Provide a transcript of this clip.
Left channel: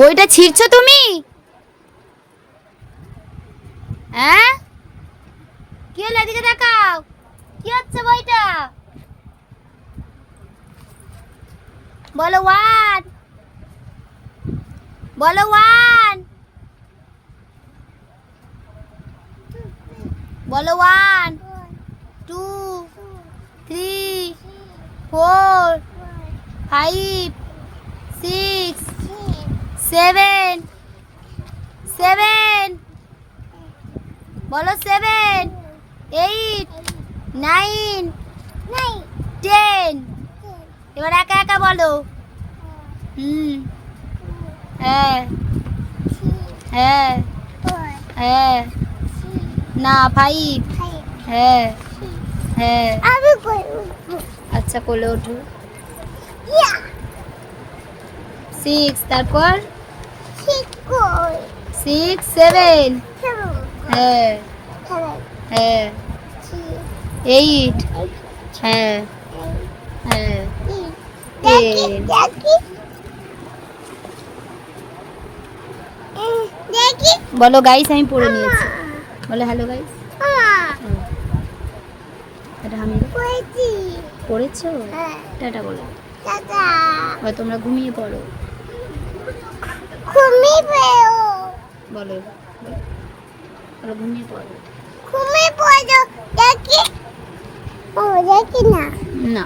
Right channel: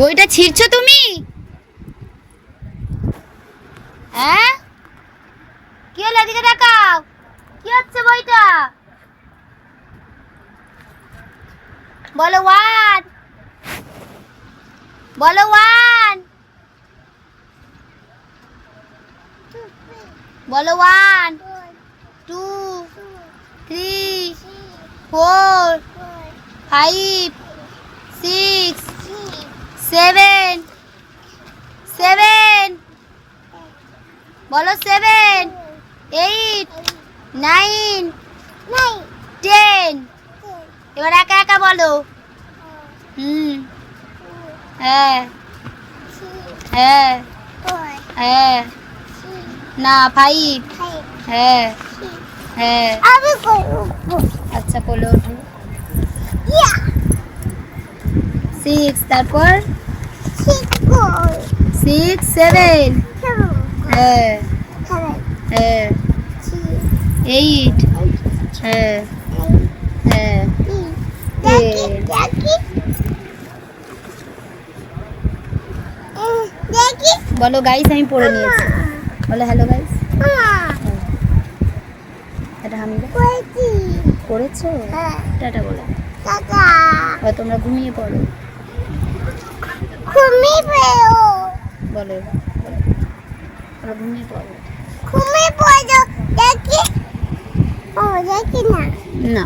বইটা ছিঁড়ছো তুমি? হ্যাঁ, কি হলো? এদিকে দেখাও, কি হচ্ছে বইটা? বলো ওয়ান, বলো ওয়ান, বলো one, two, three, four, five, six, seven, seven, বলো সেভেন, এইট, নাইন, টেন। এবার একা একা বলো। হ্যাঁ, হ্যাঁ, হ্যাঁ, না ফাইভ, হ্যাঁ, হ্যাঁ, আচ্ছা কোলে ওঠো। সিক্স, তারপর সিক্স, সেভেন, হ্যাঁ, হ্যাঁ, এইট, হ্যাঁ, হ্যাঁ, টেন। বলো গাইস, আমি পড়ে নিয়েছি। বলো হ্যালো গাইস। এটা আমি পড়েছো? টাটা বলো। তোমরা ঘুমিয়ে পড়ো। বলো বলো ঘুমিয়ে পড়ো। দেখি না।